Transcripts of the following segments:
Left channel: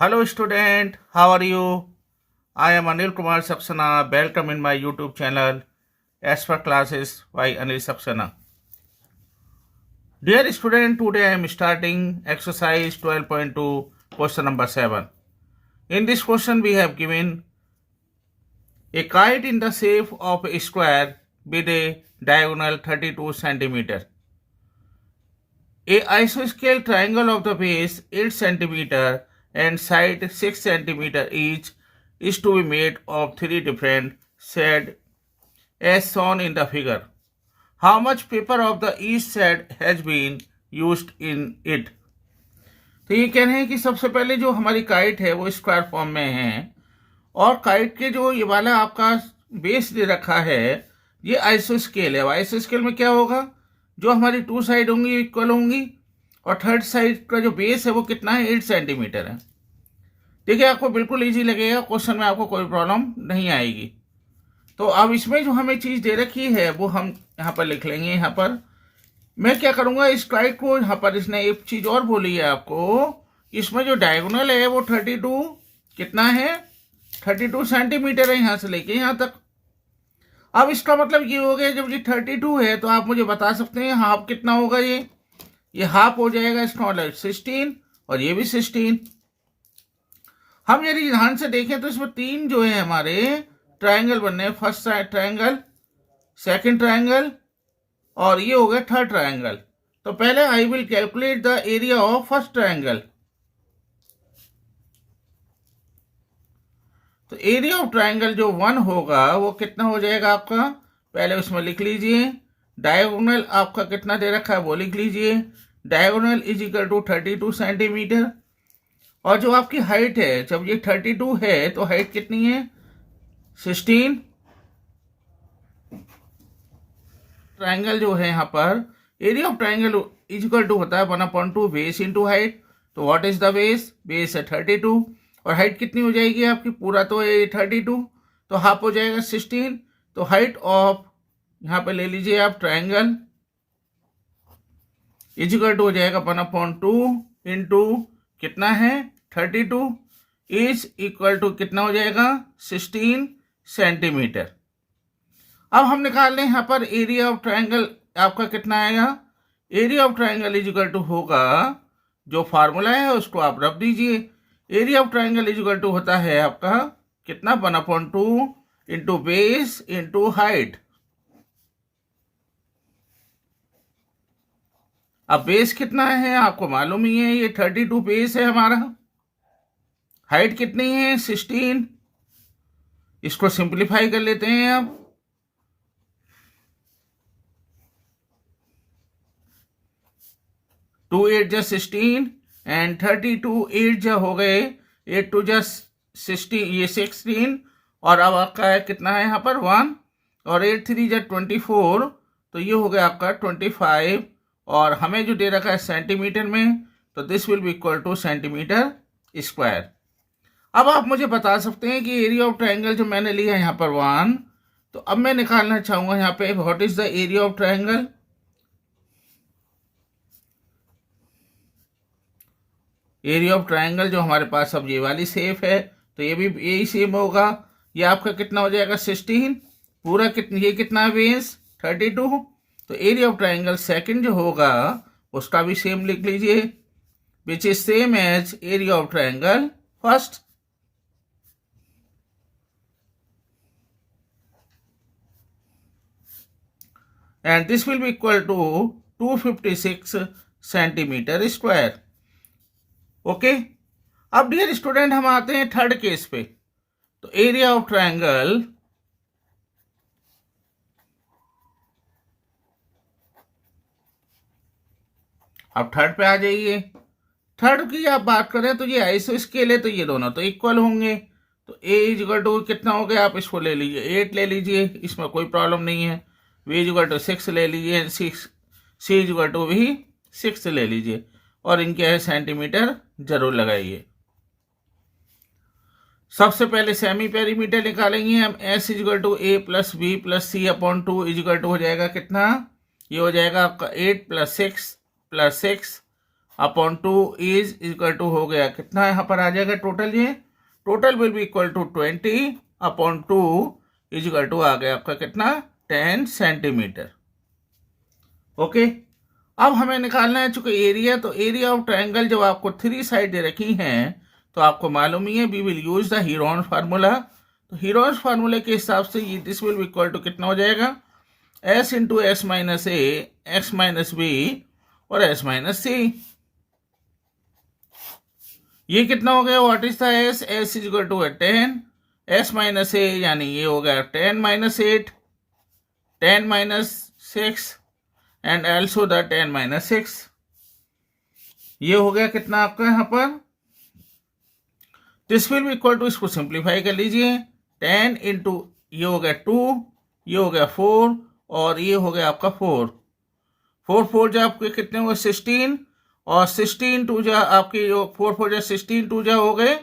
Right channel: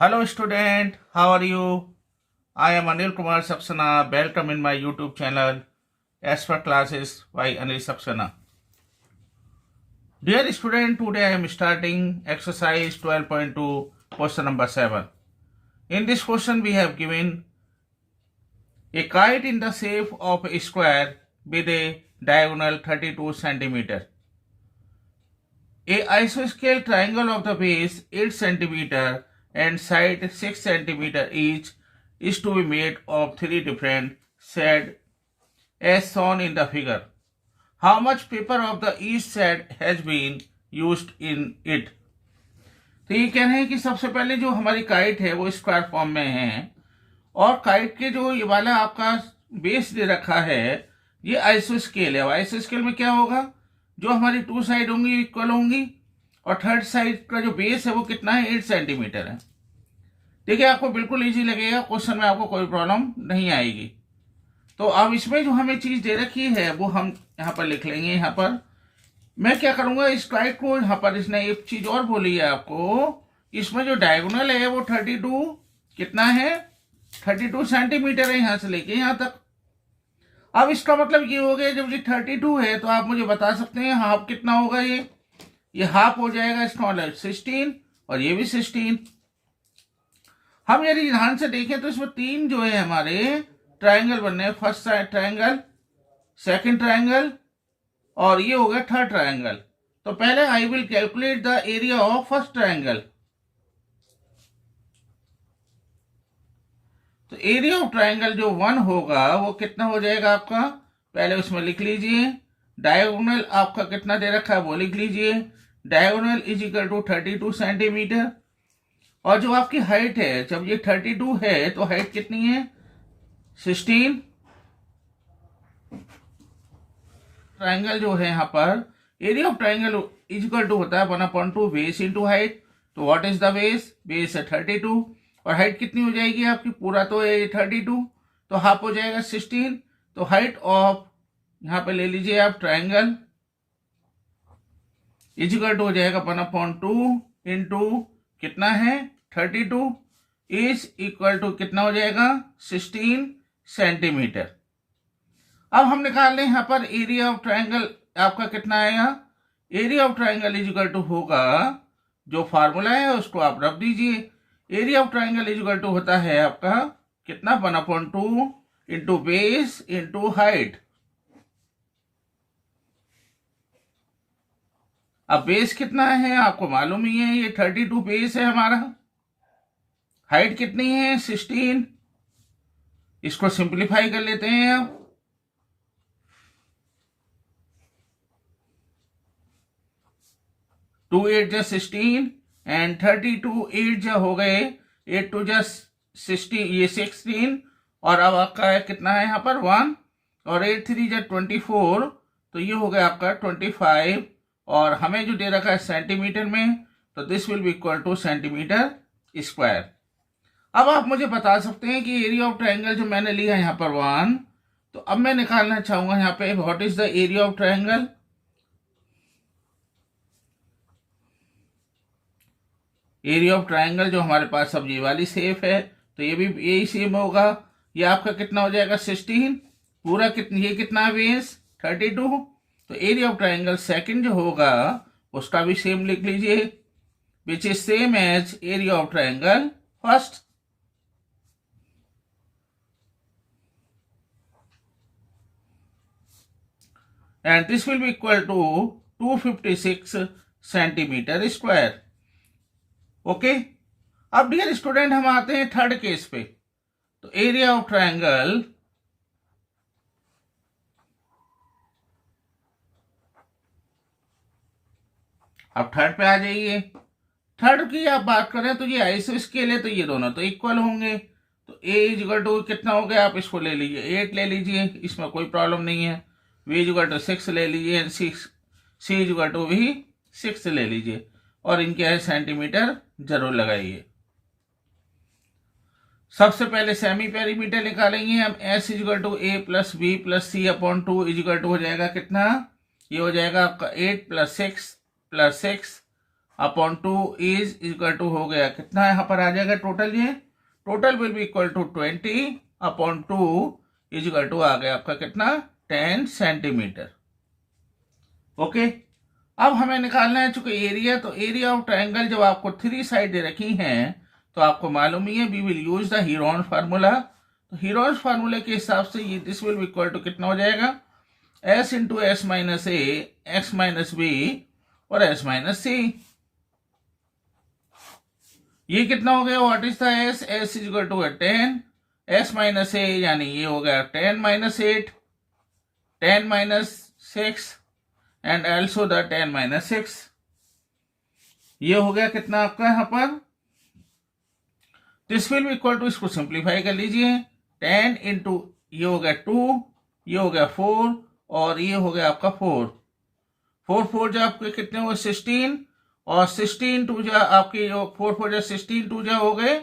Hello student, how are you? I am Anil Kumar Saxena. Welcome in my YouTube channel as per classes by Anil Saxena. Dear student, today I am starting exercise 12.2 question number 7. In this question we have given a kite in the shape of a square with a diagonal 32 centimeter. A isosceles triangle of the base 8 centimeter and side 6 centimeter each is to be made of three different shades as shown in the figure. How much paper of the each shade has been used in it? तो ये कह रहे हैं कि सबसे पहले जो हमारी काइट है वो स्क्वायर फॉर्म में है और काइट के जो ये वाला आपका बेस दे रखा है ये आइसोस्केल है। आइसोस्केल में क्या होगा, जो हमारी टू साइड होंगी इक्वल होंगी और थर्ड साइड का जो बेस है वो कितना है 8 सेंटीमीटर है। देखिए आपको बिल्कुल इजी लगेगा, क्वेश्चन में आपको कोई प्रॉब्लम नहीं आएगी। तो अब इसमें जो हमें चीज दे रखी है वो हम यहाँ पर लिख लेंगे। यहाँ पर मैं क्या करूंगा, इस काइट को यहाँ पर इसने एक चीज और बोली है आपको, इसमें जो डायगोनल है वो 32 कितना है 32 सेंटीमीटर है यहाँ से लेके यहाँ तक। अब इसका मतलब ये हो गया जब ये 32 है तो आप मुझे बता सकते हैं हाफ कितना होगा। ये हाफ हो जाएगा, इसका मतलब 16 और ये भी 16। हम यदि ध्यान से देखें तो इसमें तीन जो है हमारे ट्रायंगल बनने हैं, first side triangle, second triangle और ये हो गया थर्ड ट्रायंगल। तो पहले I will calculate the area of first triangle. तो एरिया ऑफ ट्रायंगल जो 1 होगा वो कितना हो जाएगा आपका, पहले उसमें लिख लीजिए। डायगोनल आपका कितना दे रखा है वो लिख लीजिए। Diagonal is equal to 32 centimetre और जो आपकी हाइट है, जब ये 32 है तो हाइट कितनी है 16। ट्रायंगल जो है यहाँ पर area of triangle is equal to होता है 1/2 बेस इंटू हाइट। तो what is the base, base है 32 और हाइट कितनी हो जाएगी आपकी, पूरा तो है 32 तो हाफ हो जाएगा 16। तो हाइट ऑफ यहाँ पे ले लीजिए आप ट्रायंगल इज इक्वल टू हो जाएगा 1/2 इंटू कितना है 32 इज इक्वल टू कितना हो जाएगा 16 सेंटीमीटर। अब हम निकाल लें यहाँ पर एरिया ऑफ ट्रायंगल आपका कितना आएगा। Area of triangle is equal to होगा, जो फार्मूला है उसको आप रख दीजिए। Area of triangle is equal to होता है आपका कितना 1/2 इंटू बेस इंटू हाइट। अब बेस कितना है आपको मालूम ही है, ये 32 बेस है हमारा। हाइट कितनी है 16। इसको सिंप्लीफाई कर लेते हैं आप। टू 8 जा 16 एंड 32 8 जा हो गए 8 2 जा 16, ये 16 और अब आपका कितना है यहाँ पर 1 और 8 3 जा 24 तो ये हो गया आपका 25 और हमें जो दे रखा है सेंटीमीटर में तो this will be equal two centimetre square. अब आप मुझे बता सकते हैं कि एरिया ऑफ ट्रायंगल जो मैंने लिया यहाँ पर 1, तो अब मैं निकालना चाहूंगा यहाँ पे what is the area of triangle. Area of triangle जो हमारे पास अब ये वाली शेप है तो ये भी यही शेप होगा। ये आपका कितना हो जाएगा 16, पूरा कितना ये कितना है बेस 32। तो एरिया ऑफ ट्रायंगल सेकंड जो होगा उसका भी सेम लिख लीजिए, which is same as area of triangle first. And this will be equal to 256 centimetre square. Okay, अब डियर स्टूडेंट हम आते हैं थर्ड केस पे। तो एरिया ऑफ ट्रायंगल अब थर्ड पे आ जाइए। थर्ड की आप बात करें तो ये आइसोस्केल है तो ये दोनों तो इक्वल होंगे। तो ए इज इक्वल टू कितना हो गया, आप इसको ले लीजिए 8 ले लीजिए, इसमें कोई प्रॉब्लम नहीं है। वी इज इक्वल टू 6 ले लीजिए, 6 सी इज इक्वल टू भी 6 ले लीजिए और इनके सेंटीमीटर जरूर लगाइए। सबसे पहले सेमी पेरीमीटर निकालेंगे हम। S is equal to A plus B plus C upon 2 is equal to हो जाएगा कितना, ये हो जाएगा आपका 8 + 6 + 6 अपॉन 2 इज इक्वल टू हो गया कितना यहाँ पर आ जाएगा टोटल, ये total will be equal to 20 upon 2 is equal to आ गया आपका कितना 10 सेंटीमीटर। ओके, अब हमें निकालना है चूंकि एरिया, तो एरिया ऑफ ट्रायंगल जब आपको 3 साइड दे रखी हैं तो आपको मालूम ही है we will use the Heron formula. तो हीरोन फार्मूले के हिसाब से ये this will be equal to कितना हो जाएगा s इंटू एस माइनस ए एक्स माइनस बी और s माइनस सी। ये कितना हो गया, what is the s, s is equal to 10 s minus a यानी ये हो गया 10 minus 8 10 minus 6 and also the 10 minus 6। ये हो गया कितना आपका यहाँ पर, this will be equal to, इसको सिंप्लीफाई कर लीजिए 10 इंटू ये हो गया 2, ये हो गया 4 और ये हो गया आपका 4 4 जो आपके कितने हुए 16 और 16 टू जो आपके जो 4 जो 16 टू जो हो गए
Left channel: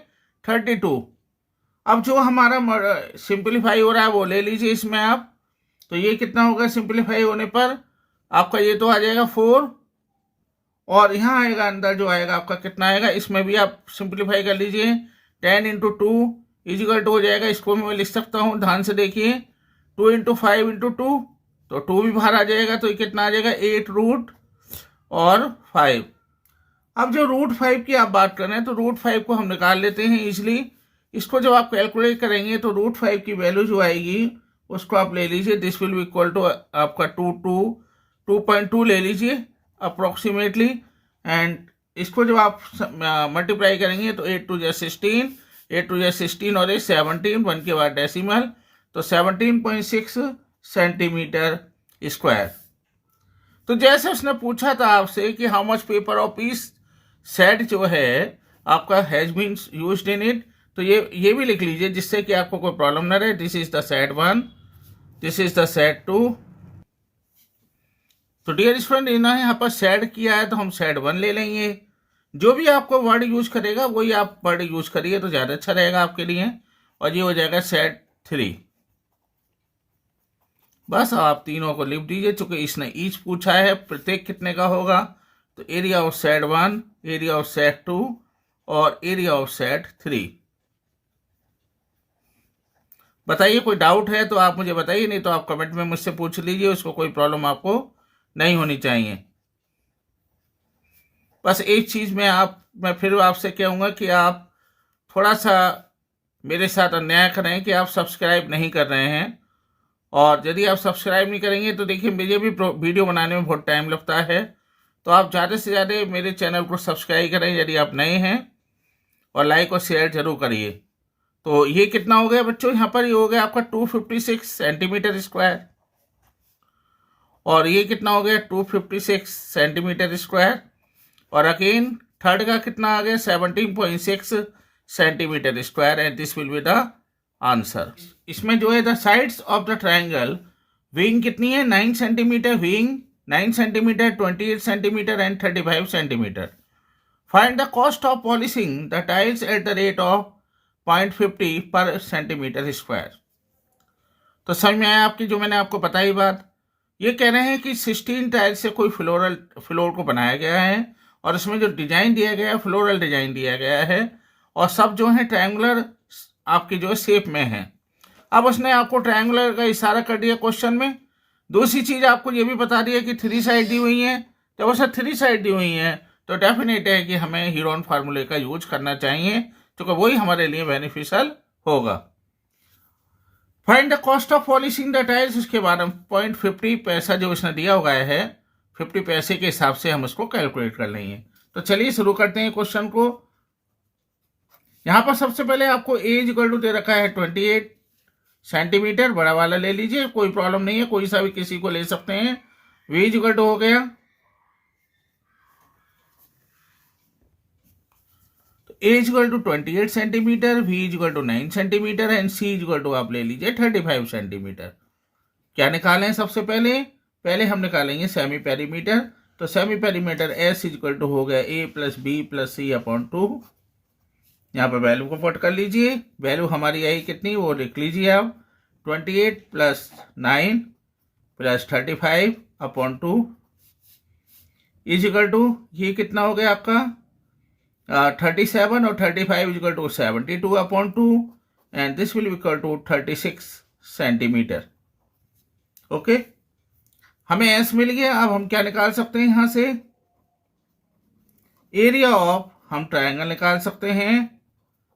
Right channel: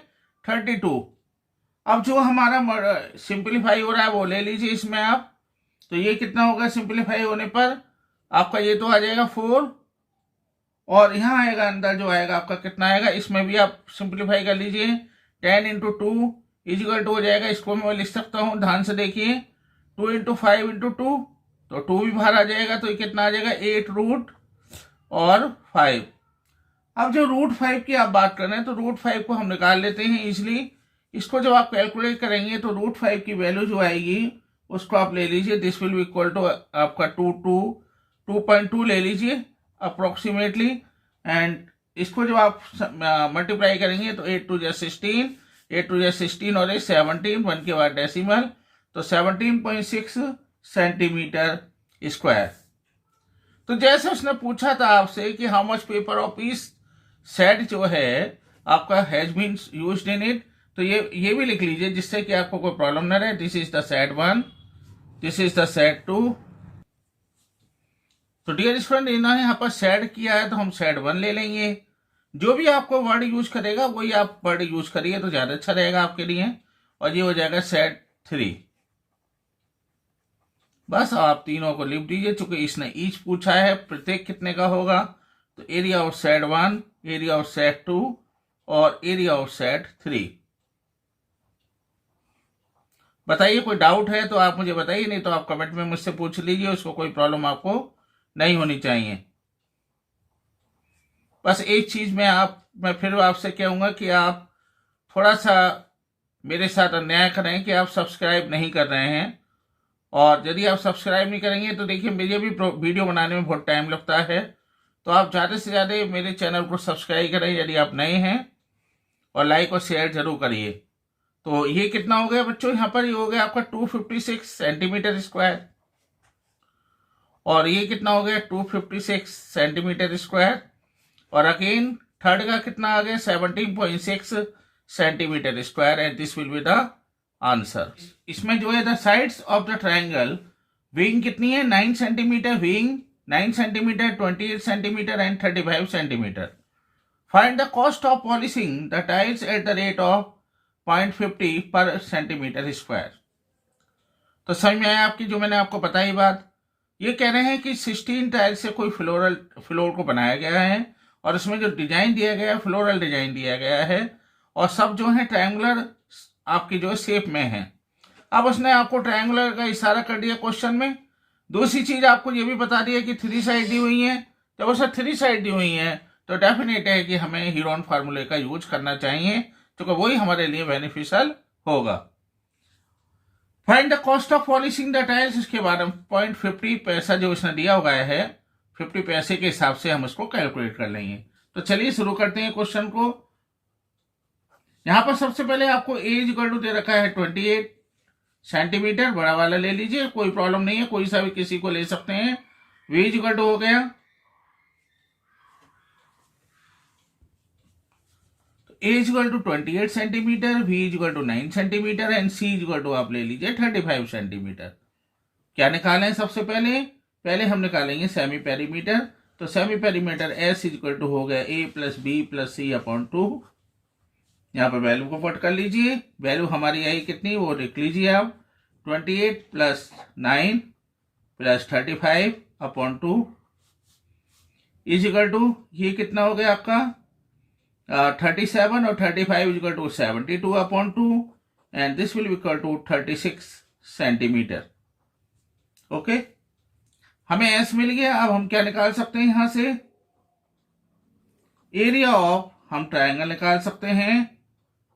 32। अब जो हमारा सिंप्लीफाई हो रहा है वो ले लीजिए इसमें आप, तो ये कितना होगा सिंप्लीफाई होने पर आपका ये तो आ जाएगा 4 और यहाँ आएगा अंदर जो आएगा आपका कितना आएगा, इसमें भी आप सिंप्लीफाई कर लीजिए 10 इंटू 2 इजिकल टू हो जाएगा, इसको मैं लिख सकता हूँ ध्यान से देखिए 2 इंटू 5 इंटू 2 तो 2 भी बाहर आ जाएगा, तो ये कितना आ जाएगा 8 रूट और 5। अब जो रूट 5 की आप बात कर रहे हैं तो रूट 5 को हम निकाल लेते हैं इजिली। इसको जब आप कैलकुलेट करेंगे तो रूट 5 की वैल्यू जो आएगी उसको आप ले लीजिए, this will be equal to आपका 2.2 ले लीजिए अप्रोक्सीमेटली, एंड इसको जब आप मल्टीप्लाई करेंगे तो 8 टू 16 8 टू 16 और 17 1 के बाद डेसिमल, तो 17.6 सेंटीमीटर स्क्वायर। तो जैसे उसने पूछा था आपसे कि how much paper of piece set जो है आपका has been used in it, तो ये भी लिख लीजिए जिससे कि आपको कोई प्रॉब्लम ना रहे। This is the set 1, this is the set 2। तो डियर स्टूडेंट इन्होंने यहाँ पर सेट किया है तो हम सेट 1 ले लेंगे। जो भी आपको वर्ड यूज करेगा वही आप वर्ड यूज करिए तो ज्यादा अच्छा रहेगा आपके लिए, और ये हो जाएगा सेट 3। बस आप तीनों को लिख दीजिए, चूंकि इसने ईच पूछा है प्रत्येक कितने का होगा, तो area of set 1, area of set 2 और एरिया ऑफ सेट 3। बताइए कोई डाउट है तो आप मुझे बताइए, नहीं तो आप कमेंट में मुझसे पूछ लीजिए, उसको कोई प्रॉब्लम आपको नहीं होनी चाहिए। बस एक चीज मैं फिर आपसे कहूंगा कि आप थोड़ा सा मेरे साथ अन्याय करें कि आप सब्सक्राइब नहीं कर रहे हैं, और यदि आप सब्सक्राइब नहीं करेंगे तो देखिए मुझे भी वीडियो बनाने में बहुत टाइम लगता है, तो आप ज़्यादा से ज़्यादा मेरे चैनल को सब्सक्राइब करें यदि आप नए हैं, और लाइक और शेयर जरूर करिए। तो ये कितना हो गया बच्चों, यहाँ पर ये हो गया आपका 256 सेंटीमीटर स्क्वायर, और ये कितना हो गया 256 सेंटीमीटर स्क्वायर, और अगेन थर्ड का कितना आ गया 17.6 centimetre square, and this will be the answer. इसमें जो है the sides of the triangle, wing कितनी है 9 centimetre, wing 9 centimetre, 28 centimetre and 35 centimetre. Find the cost of polishing the tiles eight the rate of 0.50 पर centimetre square. तो समझ में आया आपकी जो मैंने आपको बताई बात। ये कह रहे हैं कि 16 टाइल्स से कोई फ्लोर को बनाया गया है, और इसमें जो डिजाइन दिया गया है फ्लोरल डिजाइन दिया गया है, और सब जो है ट्रायंगुलर आपकी जो शेप में है। अब उसने आपको ट्रायंगुलर का इशारा कर दिया क्वेश्चन में। दूसरी चीज आपको ये भी बता दिया कि 3 साइड दी हुई है, जब उसे 3 साइड दी हुई है तो डेफिनेट है कि हमें हीरोन फार्मूले का यूज करना चाहिए, क्योंकि वही हमारे लिए बेनिफिशियल होगा। Find the cost of polishing the tiles, इसके बाद हम 0.50 पैसा जो इसने दिया हुआ है 50 पैसे के हिसाब से हम उसको कैलकुलेट कर लेंगे। तो चलिए शुरू करते हैं क्वेश्चन को। यहां पर सबसे पहले आपको ए इक्वल टू दे रखा है 28 सेंटीमीटर, बड़ा वाला ले लीजिए, कोई प्रॉब्लम नहीं है, कोई सा भी किसी को ले सकते हैं। वी इक्वल टू हो गया, तो a equal to 28 centimetre, b equal to 9 centimetre and c equal to आप ले लीजिए 35 सेंटीमीटर। क्या निकालें सबसे पहले हम निकालेंगे सेमी पेरीमीटर। तो semi perimeter S equal to हो गया A plus B plus C upon 2। यहाँ पर वैल्यू को पुट कर लीजिए, वैल्यू हमारी आई कितनी वो लिख लीजिए आप, 28 plus 9 plus 35 upon 2। Is equal to, ये कितना हो गया आपका 37 और 35 is equal to 72/2 and this will be equal to 36 centimetre. Okay, हमें एस मिल गया। अब हम क्या निकाल सकते हैं यहां से, एरिया ऑफ, हम ट्रायंगल निकाल सकते हैं।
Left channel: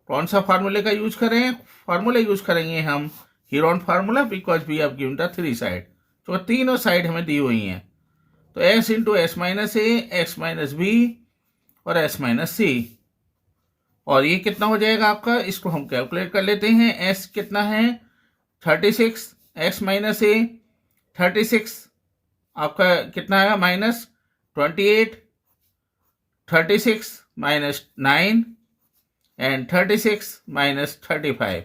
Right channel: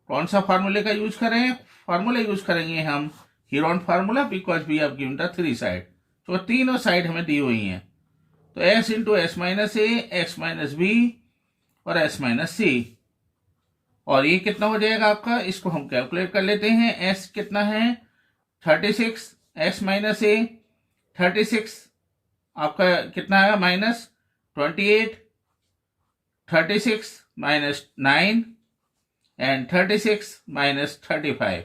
कौन सा फार्मूले का यूज करें, फार्मूला यूज करेंगे हम Heron formula, because we have given the 3 side, तो तीनों साइड हमें दी हुई हैं। तो s इंटू एस माइनस ए, एक्स माइनस बी और s माइनस सी, और ये कितना हो जाएगा आपका, इसको हम कैलकुलेट कर लेते हैं। s कितना है 36, x माइनस ए 36 आपका कितना है माइनस 28, 36 माइनस 9 एंड 36 माइनस 35।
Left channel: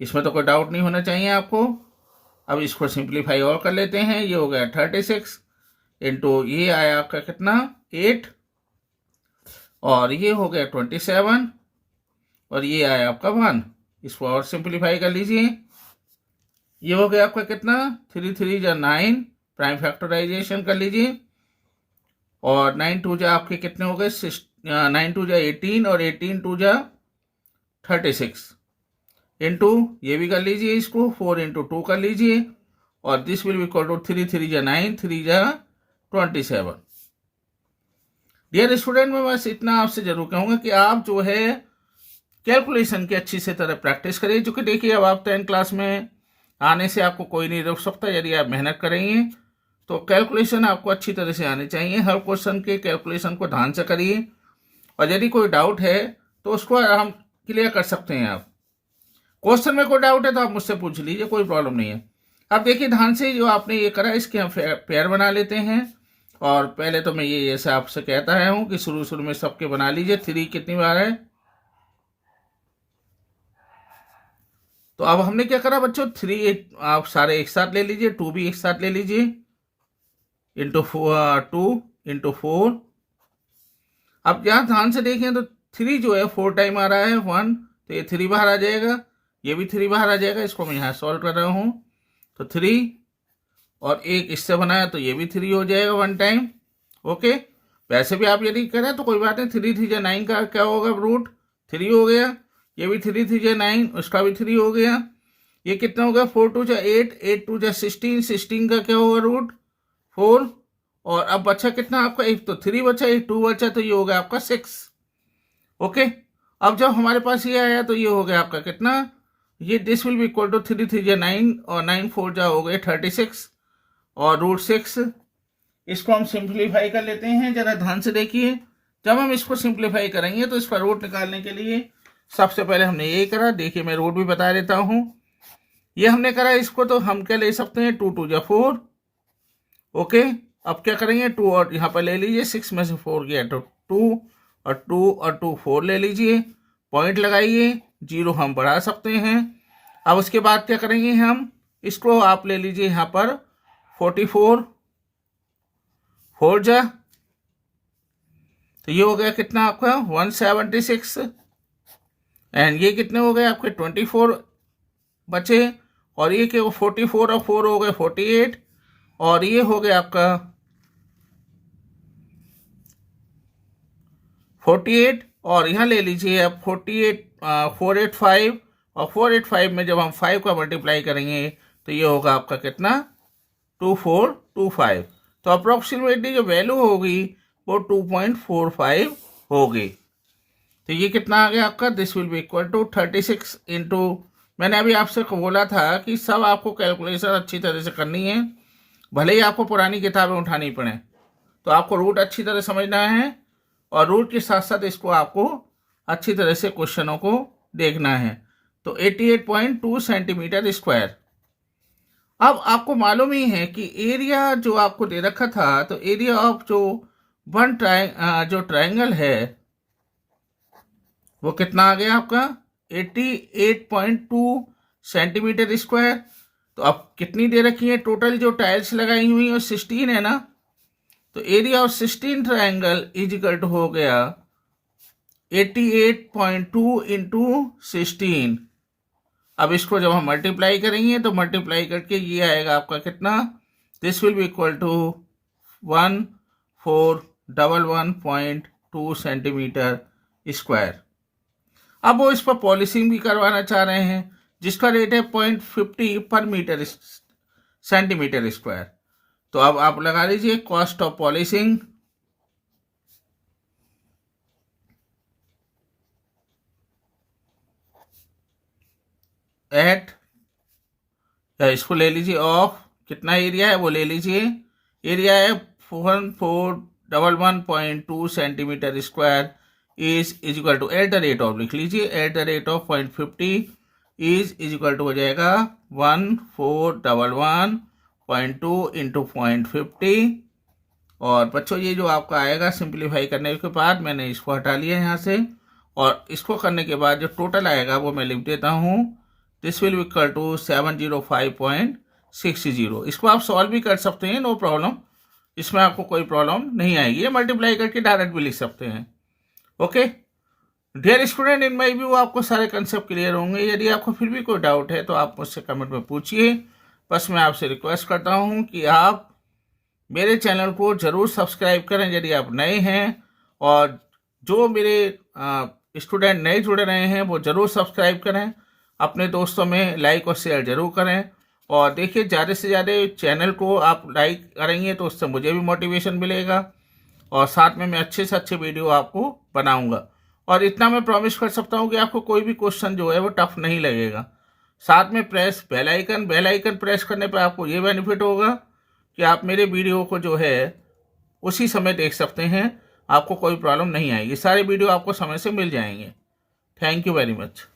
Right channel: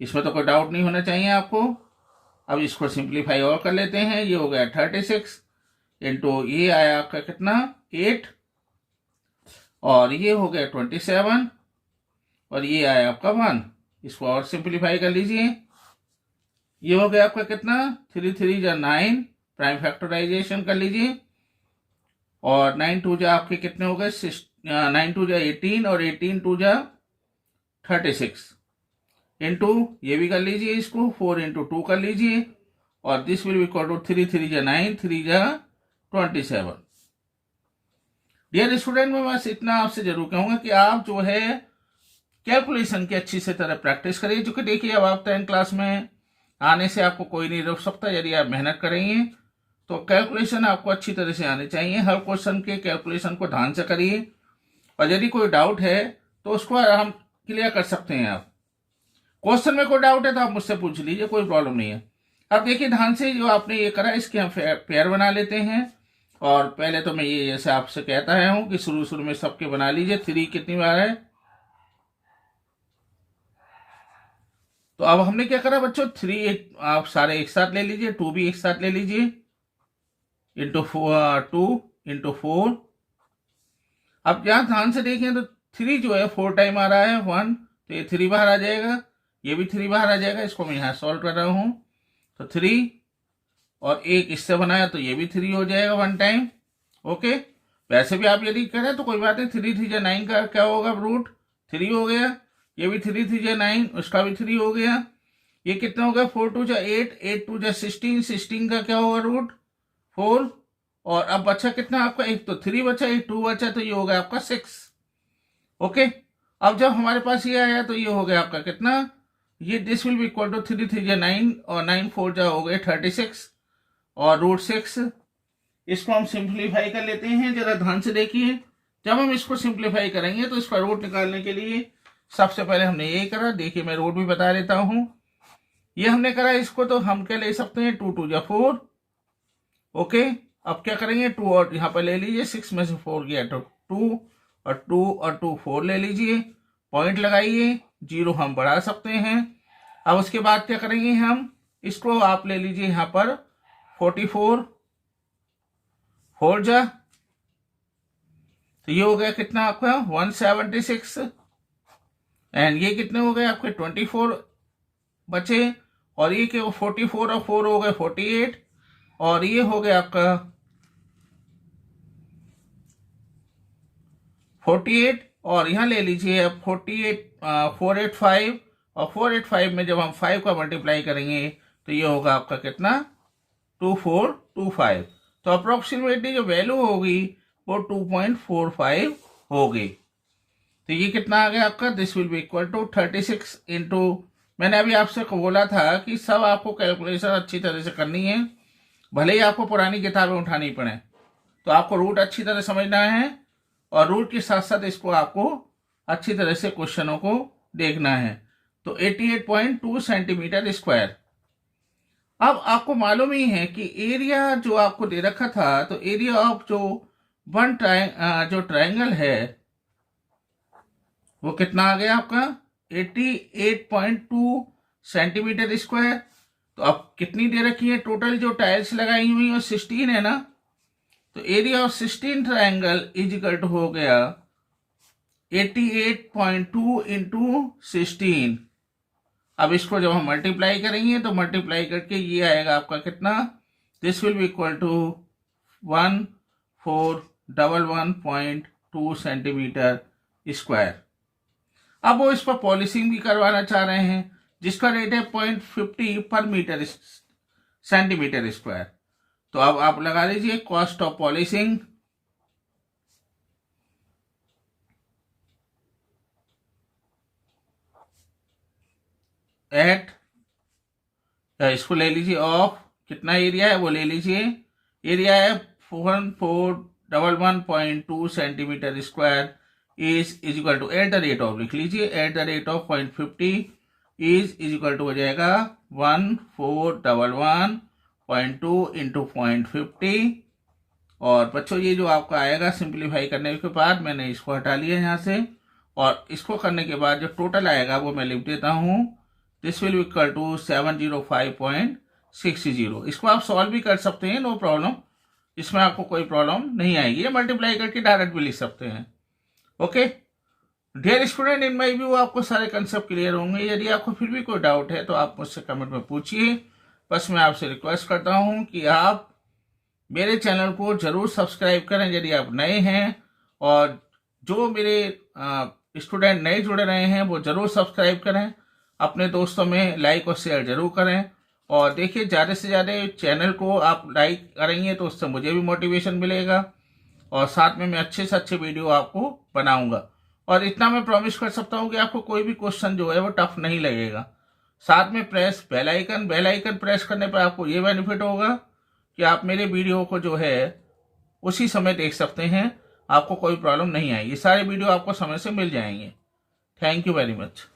इसमें तो कोई डाउट नहीं होना चाहिए आपको। अब इसको सिंप्लीफाई और कर लेते हैं। ये हो गया 36 इंटू ये आया आपका कितना 8, और ये हो गया 27 और ये आया आपका 1। इसको और सिंप्लीफाई कर लीजिए। ये हो गया आपका कितना 3 3 जा 9, प्राइम फैक्टराइजेशन कर लीजिए, और 9 2 जा आपके कितने हो गए 9 2 जा 18 और 18 2 जा 36 इंटू ये भी कर लीजिए, इसको 4 इंटू 2 कर लीजिए, और this will be equal to 3 3 जा 9, 3 जा 27। डियर स्टूडेंट, मैं बस इतना आपसे जरूर कहूंगा कि आप जो है कैलकुलेशन की अच्छी से तरह प्रैक्टिस करिए, क्योंकि देखिए अब आप 10th क्लास में आने से आपको कोई नहीं रोक सकता। यदि आप मेहनत करेंगे तो कैलकुलेशन आपको अच्छी तरह से आनी चाहिए। हर क्वेश्चन के कैलकुलेशन को ध्यान से करिए, और यदि कोई डाउट है तो उसको हम क्लियर कर सकते हैं। आप क्वेश्चन में कोई डाउट है तो आप मुझसे पूछ लीजिए, कोई प्रॉब्लम नहीं है। अब देखिए ध्यान से, जो आपने ये करा इसके हम पेयर बना लेते हैं। और पहले तो मैं ये जैसे आपसे कहता रहा हूं कि शुरू में सबके बना लीजिए। 3 कितनी बार है, तो अब हमने क्या करा बच्चों, 3 आप सारे एक साथ ले लीजिए, 2 भी एक साथ ले लीजिए, इंटू 2 इंटू 4। अब यहां ध्यान से देखें तो 3 जो है 4 टाइम आ रहा है 1, तो ये 3 बाहर आ जाएगा, ये भी 3 बाहर आ जाएगा। इसको मैं यहाँ सॉल्व कर रहा हूँ, तो 3 और एक इससे बनाया तो ये भी 3 हो जाएगा 1 टाइम। ओके, वैसे भी आप यदि करें तो कोई बात नहीं। 3 3 जा 9 का क्या होगा रूट 3 हो गया, ये भी 3 3 जा 9 उसका भी 3 हो गया। ये कितना हो गया 4 2 जा 8, 8 2 जा 16, 16 का क्या होगा रूट 4। और अब बचा कितना आपका, एक तो 3 बचा, एक 2 बचा, तो ये हो गया आपका 6। ओके, अब जब हमारे पास ये आया तो ये हो गया आपका कितना, ये this will be equal to 3 3 जा 9 और 9 4 जा हो गए 36 और रूट 6। इसको हम सिंप्लीफाई कर लेते हैं। जरा ध्यान से देखिए, जब हम इसको सिंप्लीफाई करेंगे तो इसका रूट निकालने के लिए सबसे पहले हमने यही करा। देखिए मैं रूट भी बता देता हूं। ये हमने करा इसको, तो हम क्या ले सकते हैं 2 2 जा 4। ओके, अब क्या करेंगे 2 और यहाँ पर ले लीजिए, 6 में से 4 गया तो 2 और 2 और 2 4 ले लीजिए, पॉइंट लगाइए, 0 हम बढ़ा सकते हैं। अब उसके बाद क्या करेंगे हम, इसको आप ले लीजिए यहाँ पर 44 4 जा, तो ये हो गया कितना आपका 176, एंड ये कितने हो गए आपके 24 बचे, और ये क्या 44 और 4 हो गए 48, और ये हो गया आपका 48, और यहाँ ले लीजिए आप 48 485, और 485 में जब हम 5 का मल्टीप्लाई करेंगे तो ये होगा आपका कितना 2425। तो अप्रोक्सीमेटली जो वैल्यू होगी वो 2.45 होगी। तो ये कितना आ गया आपका, this will be equal to 36 into, मैंने अभी आपसे बोला था कि सब आपको कैलकुलेशन अच्छी तरह से करनी है, भले ही आपको पुरानी किताबें उठानी पड़े, तो आपको रूट अच्छी तरह समझना है, और रूट के साथ साथ इसको आपको अच्छी तरह से क्वेश्चनों को देखना है। तो 88.2 सेंटीमीटर स्क्वायर। अब आपको मालूम ही है कि एरिया जो आपको दे रखा था, तो एरिया ऑफ जो ट्रायंगल है वो कितना आ गया आपका 88.2 सेंटीमीटर स्क्वायर। तो अब कितनी दे रखी है, टोटल जो टाइल्स लगाई हुई है 16 है ना, तो area of 16 triangle is equal to हो गया 88.2 इंटू 16। अब इसको जब हम मल्टीप्लाई करेंगे तो मल्टीप्लाई करके ये आएगा आपका कितना, this will be equal to 1411.2 centimetre square. अब वो इस पर पॉलिशिंग भी करवाना चाह रहे हैं जिसका रेट है 0.50 पर मीटर सेंटीमीटर स्क्वायर। तो अब आप लगा लीजिए कॉस्ट ऑफ पॉलिशिंग एट, इसको ले लीजिए ऑफ, कितना एरिया है वो ले लीजिए, एरिया है 1411.2 centimetre square is equal to at the rate of, लिख लीजिए at the rate of 0.50 is equal to हो जाएगा 1411.2 इंटू 0.50। और बच्चों ये जो आपका आएगा सिंप्लीफाई करने के बाद मैंने इसको हटा लिया यहाँ से, और इसको करने के बाद जो टोटल आएगा वो मैं लिख देता हूँ, दिस विल इक्वल टू 705.60। इसको आप सॉल्व भी कर सकते हैं, नो प्रॉब्लम, इसमें आपको कोई प्रॉब्लम नहीं आएगी, ये मल्टीप्लाई करके डायरेक्ट भी लिख सकते हैं। Okay dear student, in my view आपको सारे कंसेप्ट क्लियर होंगे। यदि आपको फिर भी कोई डाउट है तो आप मुझसे कमेंट में पूछिए। बस मैं आपसे रिक्वेस्ट करता हूँ कि आप मेरे चैनल को ज़रूर सब्सक्राइब करें यदि आप नए हैं, और जो मेरे स्टूडेंट नए जुड़ रहे हैं वो ज़रूर सब्सक्राइब करें, अपने दोस्तों में लाइक और शेयर ज़रूर करें। और देखिए ज़्यादा से ज़्यादा चैनल को आप लाइक करेंगे तो उससे मुझे भी मोटिवेशन मिलेगा, और साथ में मैं अच्छे से अच्छे वीडियो आपको बनाऊंगा। और इतना मैं प्रॉमिस कर सकता हूँ कि आपको कोई भी क्वेश्चन जो है वो टफ नहीं लगेगा। साथ में प्रेस बेल आइकन प्रेस करने पर आपको ये बेनिफिट होगा कि आप मेरे वीडियो को जो है उसी समय देख सकते हैं, आपको कोई प्रॉब्लम नहीं आएगी, सारे वीडियो आपको समय से मिल जाएंगे। Thank you very much.